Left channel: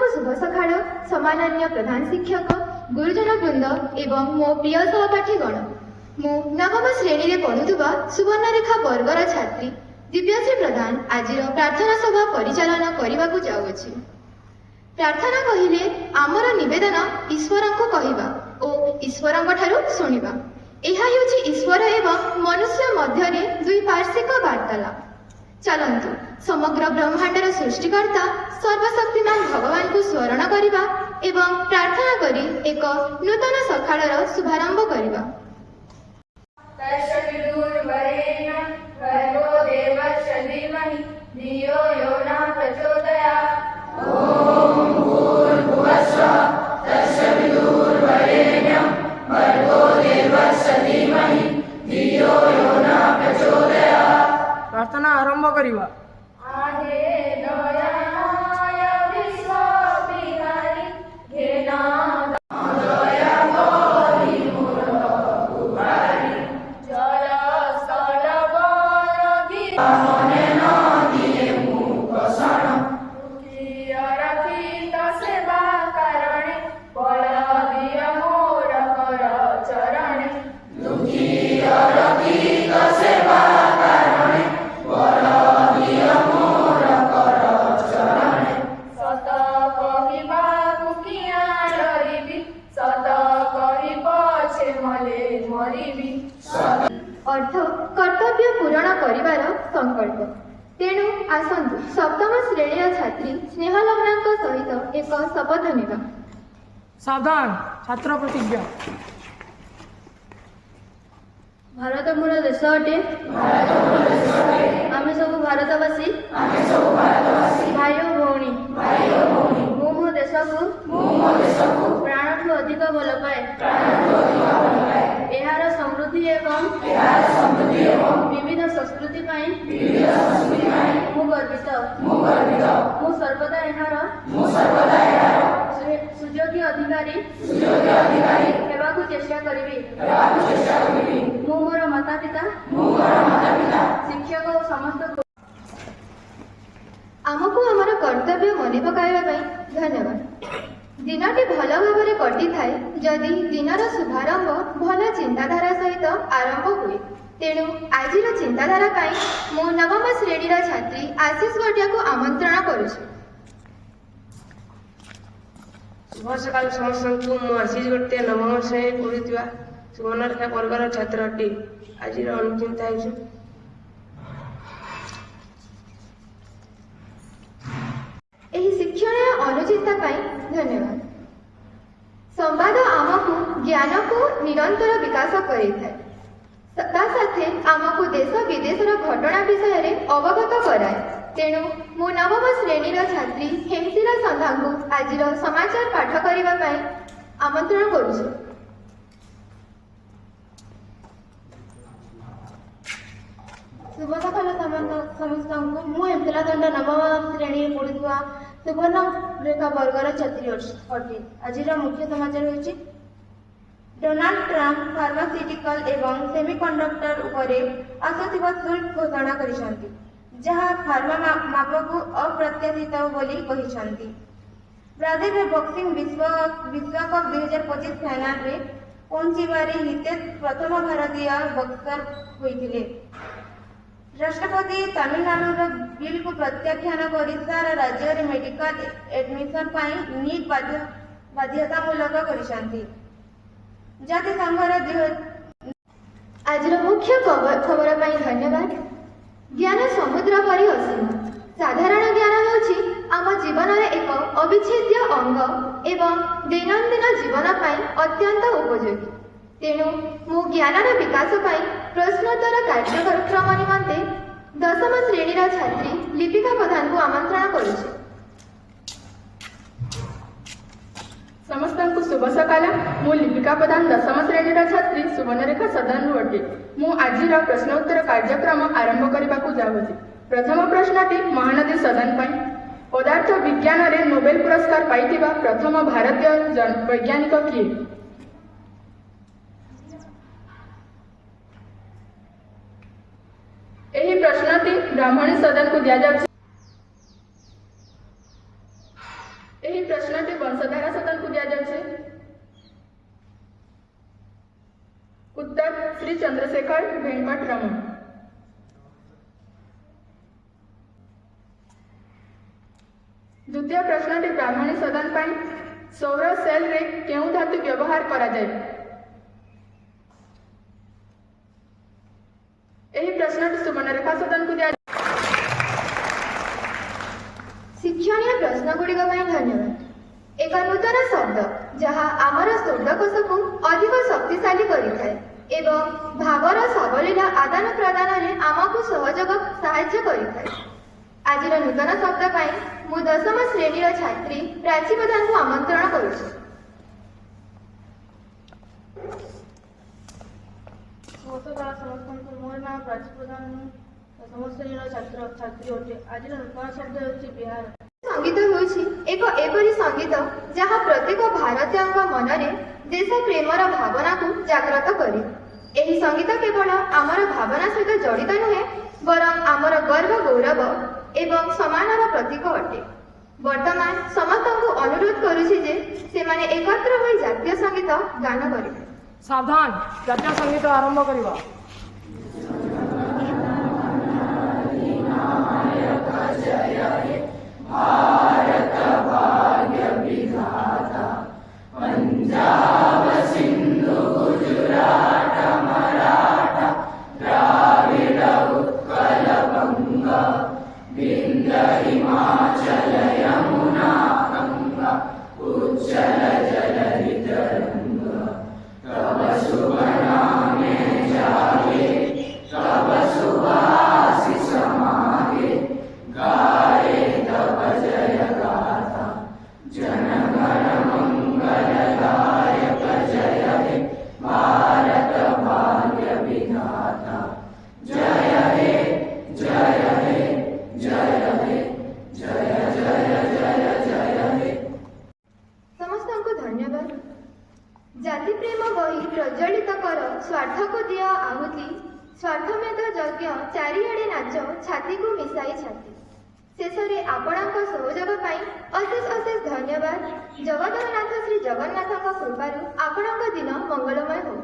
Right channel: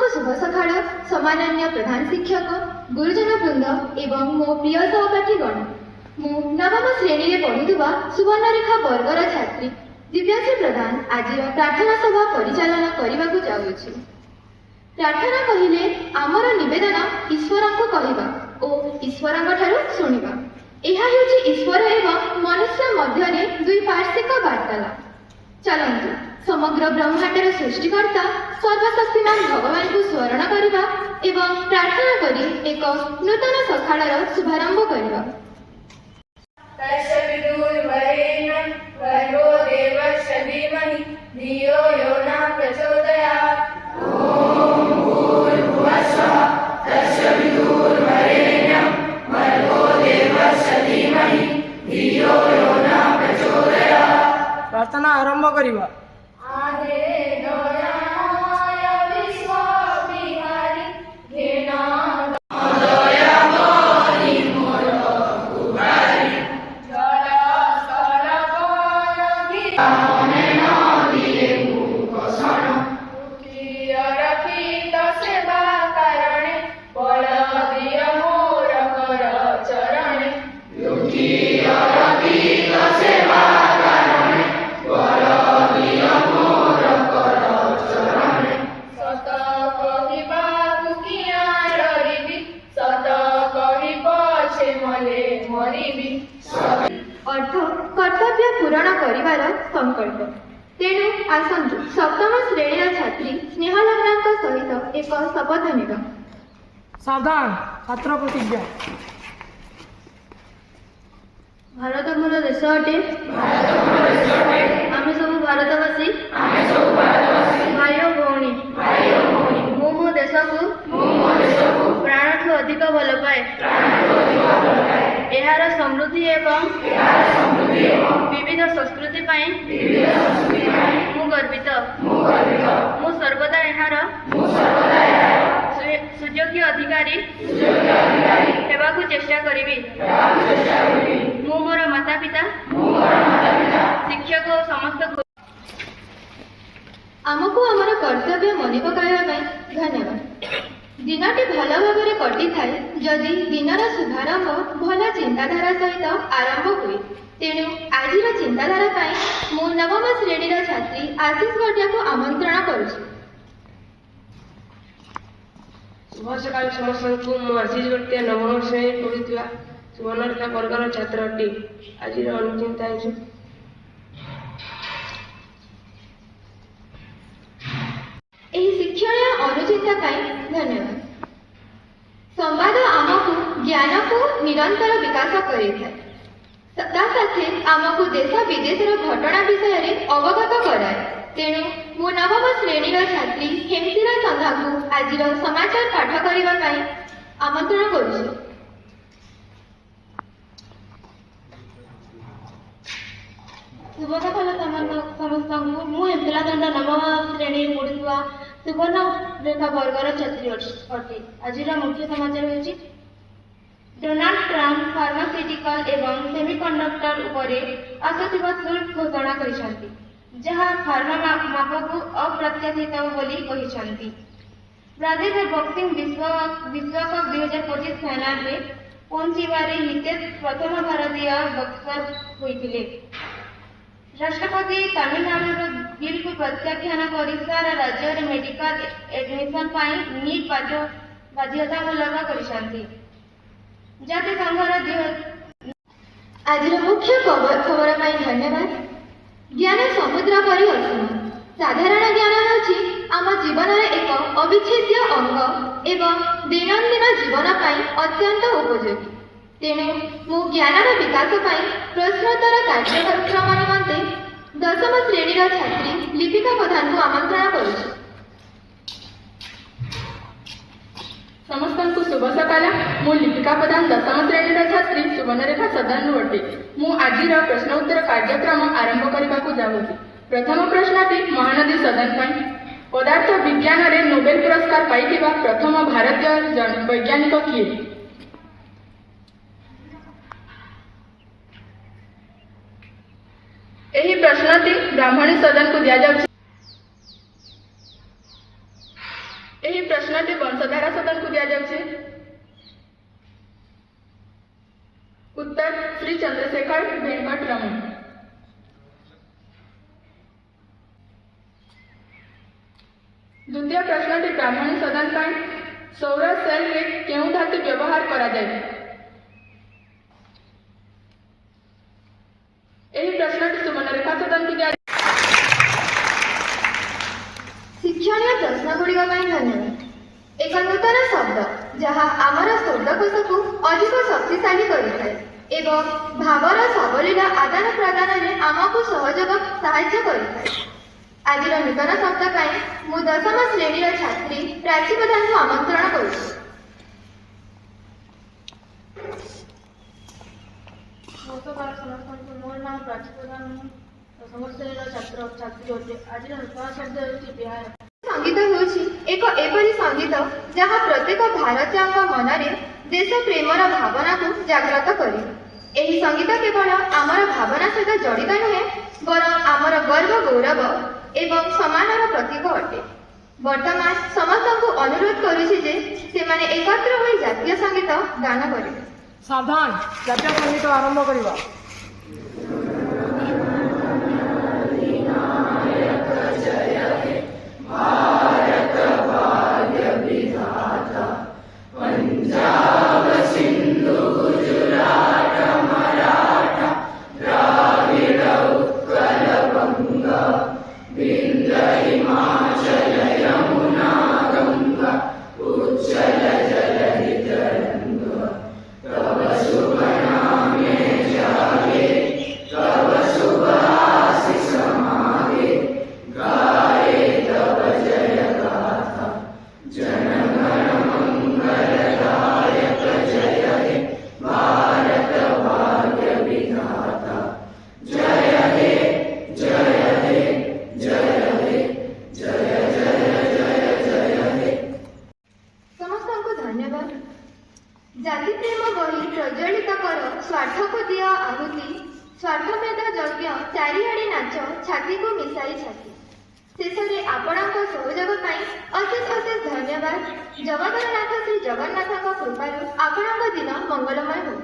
ସମସ୍ତଙ୍କୁ ଶୁଭ ସକାଳ। ସମ୍ମାନନୀୟ ପ୍ରଧାନ ଶିକ୍ଷକ, ଗୁରୁଜନ ବୃନ୍ଦ ଏବଂ ମୋ ପ୍ରିୟ ସହପାଠୀଗଣ, ମୁଁ ନବମ ଶ୍ରେଣୀରେ ପଢ଼ୁଥିବା ସୁବର୍ଣ୍ଣରେଖା ବର୍ଗର ଛାତ୍ରୀ ଦିବ୍ୟଶ୍ରୀ ପ୍ରଧାନ ଆଜିର ପ୍ରାର୍ଥନା ସଭା ପରିଚାଳନା କରିବାକୁ ଯାଉଅଛି। ପ୍ରାର୍ଥନା କହିଲେ ଆମର ନିବେଦନ ଈଶ୍ୱରଙ୍କୁ କହିବା ଓ ଈଶ୍ୱରଙ୍କ ଠାରୁ ଶୁଣିବା। ଏହା ହେଉଛି ଈଶ୍ୱର ଏବଂ ମନୁଷ୍ୟ ମଧ୍ୟରେ ଦ୍ୱିପାର୍ଶ୍ୱିକ ବାର୍ତ୍ତାଳାପ। ଚାଲନ୍ତୁ ସମଗ୍ର ବ୍ରହ୍ମାଣ୍ଡର ସୃଷ୍ଟିକର୍ତ୍ତା ସର୍ବଶକ୍ତିମାନ ଭଗବାନଙ୍କୁ ସ୍ମରଣ କରିବା ଏବଂ ପ୍ରାର୍ଥନା କରି ଏକ ନୂତନ ସକାଳର ଶୁଭାରମ୍ଭ କରିବା। प्रार्थना आरंभ करिवा। अर्थ कर्तव्य पूरण करिवार संकल्प। तेणु आसन्तु सप्तम श्रेणीर छात्री स्नेहलग्नाଙ୍କ सहित एक शपथ नेबा। सावधान छात्र प्रतिज्ञा। भारत मोर देश अटे। आमे सब भारतवासी भाई और भौणी मु मो देश को प्राणठू अधिक भल पाए। एहार समृद्धि एवं विविध संस्कृति पाई मु गर्वित। मु सर्वदा एहार सुयोग्य अधिकारी हेबाकु चेष्टा करिबी। मु मोर माता पिता शिक्षक और समस्त आमको आमर कर्तव्य मन पकाइबा पई धन्यवाद। दिनटी भल भाव कटि थाए जदि दिनर शुभारंभ भल चिंताधारा सहित आरंभ हुए। तेणु आजिर चिंताधारा पाई मु नवम श्रेणीर छात्री आशीष भटिया को आमंत्रण करुछि। शुभ सकाल समस्त को। मु आशीष भटिया नवम श्रेणी पढ़ुवा सुवर्णरेखा वर्गर छात्र अटे। आज अनुचिंता शिक्षणीय अनुचिंता धन्यवाद। संवाद आमको ज्ञान को निरंतर विकास करें आमको देश विदेशर घटना विषय में अवगत कराए। तेणु मु नवम श्रेणीर छात्री हेमसिरा संधा को आज समाचार पाठ करने आमंत्रण करुछि। शुभ सकाल समस्त मु हेमसिरा संधा नवम श्रेणी पढ़ुवा सुवर्णरेखा वर्गर छात्री अटे। आज मुख्य समाचार होछि डोनाल्ड ट्रम्प फार्मास्यूटिकल एवं सेमिकंडक्टर उपरे आसुथिबा शुल्क घोषणा करिसंती, जहा फार्मा मापक अप्रत्याशित बोली कहिसंती। ब्राजिल बॉक्सिंग विश्वकप 2025 फाइनल रे पहुंचीबारे हितेश प्रथम भारतीय बॉक्सर होइथिले। राष्ट्रपति तमिलनाडु बिल को प्रत्याख्यान कर सारा राज्य में मेडिकल एडमिशन पाई नीट बाध्यतामूलक करिसंती। जाति संघर आज मुख्य खबर पाई धन्यवाद। ज्ञान समुद्र परि असीम। साधारण ज्ञान होछि आम जीवन एक अविच्छेद्य अंग एवं दैनंदिन जीवन पाई अत्यंत उपयोगी। तेणु मु ज्ञानर विकास पाई प्रश्नोत्तर कार्यक्रम निमंते दशम श्रेणीर छात्री लिपिका प्रधान को आमंत्रण करुछि। समस्त शुभ सकाल। मु लिपिका प्रधान दशम श्रेणीर छात्री सुवर्णरेखा सदानु अटे। मु आज प्रश्नोत्तर कार्यक्रम आरंभ करने जाऊँगी। प्रथम प्रश्नटी महानदी सदन पाई। पदार्थ विज्ञान रे नोबेल पुरस्कार पाइथिबा प्रथम भारतीय वैज्ञानिक किए? एही प्रश्नटी ब्राह्मणी सदन को दिया जाउछि। ଏହି ପ୍ରଶ୍ନଟି ବଂଶଧାରା ସଦନକୁ ଦିଆଯାଉଛି। ଉତ୍ତର ଶ୍ରୀ ଚନ୍ଦ୍ରଶେଖର ଭେଙ୍କଟ ରମଣ। ଦ୍ୱିତୀୟ ପ୍ରଶ୍ନଟି ବ୍ରାହ୍ମଣୀ ସଦନ ପାଇଁ। ସୌର ସେଲରେ କେଉଁ ଧାତୁ ବ୍ୟବହାର କରାଯାଏ? ଏହି ପ୍ରଶ୍ନଟି ସୁବର୍ଣ୍ଣରେଖା ସଦନକୁ ଦିଆଯାଉଛି। ଶିକ୍ଷଣୀୟ ପ୍ରଶ୍ନଗୁଡ଼ିକ ପାଇଁ ଧନ୍ୟବାଦ। ଏକ ନୂତନ ଶବ୍ଦ ଯାହା ଆମର ଶବ୍ଦକୋଷକୁ ଅଧିକ ଶକ୍ତିଶାଳୀ କରିଥାଏ ଏବଂ ଭାବର ସାବଲୀଳ ଆଦାନ ପ୍ରଦାନରେ ଆମକୁ ସାହାଯ୍ୟ କରିଥାଏ। ଆଜିର ନୂତନ ଶବ୍ଦ ପାଇଁ ମୁଁ ଦଶମ ଶ୍ରେଣୀର ଛାତ୍ରୀ ପ୍ରାଚୀ ପ୍ରଧାନଙ୍କୁ ଆମନ୍ତ୍ରଣ କରୁଛି। ନମସ୍କାର ସମସ୍ତଙ୍କୁ। ମୋର ନାମ ପ୍ରାଚୀ ପ୍ରଧାନ। ମୁଁ ଦଶମ ଶ୍ରେଣୀର ଛାତ୍ରୀ ଅଟେ। ଆଜିର ନୂତନ ଶବ୍ଦ ହେଉଛି ବିହାର। ସଙ୍ଗୀତ ହେଉଛି ଏକ ଏପରି ସଙ୍ଗୀତ ଯାହା ପ୍ରତ୍ୟେକ ଭାରତୀୟଙ୍କ ମନରେ ଦେଶ ପ୍ରେମର ଭାବନାକୁ ଜାଗ୍ରତ କରେ। ଏହି ସଙ୍ଗୀତ କେବଳ ଆମର ଭାବନା ସହିତ ଜଡ଼ିତ ନୁହେଁ, ବରଂ ଆମର ଗର୍ବ ଗୌରବ ଏବଂ ସମ୍ମାନର ପ୍ରତୀକ ଅଟେ। ବର୍ତ୍ତମାନ ସମସ୍ତଙ୍କୁ ଅନୁରୋଧ କରୁଛି ଯେ ସେମାନେ ଏକତ୍ର ହୋଇ ଜାତୀୟ ସଙ୍ଗୀତ ଗାନ କରିବେ। ସାବଧାନ, ଜାତୀୟ ସଙ୍ଗୀତ ଆରମ୍ଭ କରିବା। ସମସ୍ତଙ୍କୁ ଧନ୍ୟବାଦ। ଜାତି ପ୍ରେମ ବହି ପ୍ରଜ୍ୱଳିତ କର, ସ୍ୱାର୍ଥକୁ ଦିଅ ଆହୁତି, ସ୍ୱାର୍ଥମେଧ ଯଜ୍ଞ ଚାରିଆଡ଼େ ନାଚ, ଛାତିକୁ ମିଶାଇ ଛାତି। ଶେଷରେ ଆପଣଙ୍କ ସହଯୋଗ ପାଇଁ ଅଶେଷ ଅଶେଷ ଧନ୍ୟବାଦ। ଜଗତରନାଥ ଶ୍ରୀ ଜଗନ୍ନାଥଙ୍କ କୃପାରୁ ଆପଣଙ୍କ ଦିନ ମଙ୍ଗଳମୟ ହେଉ।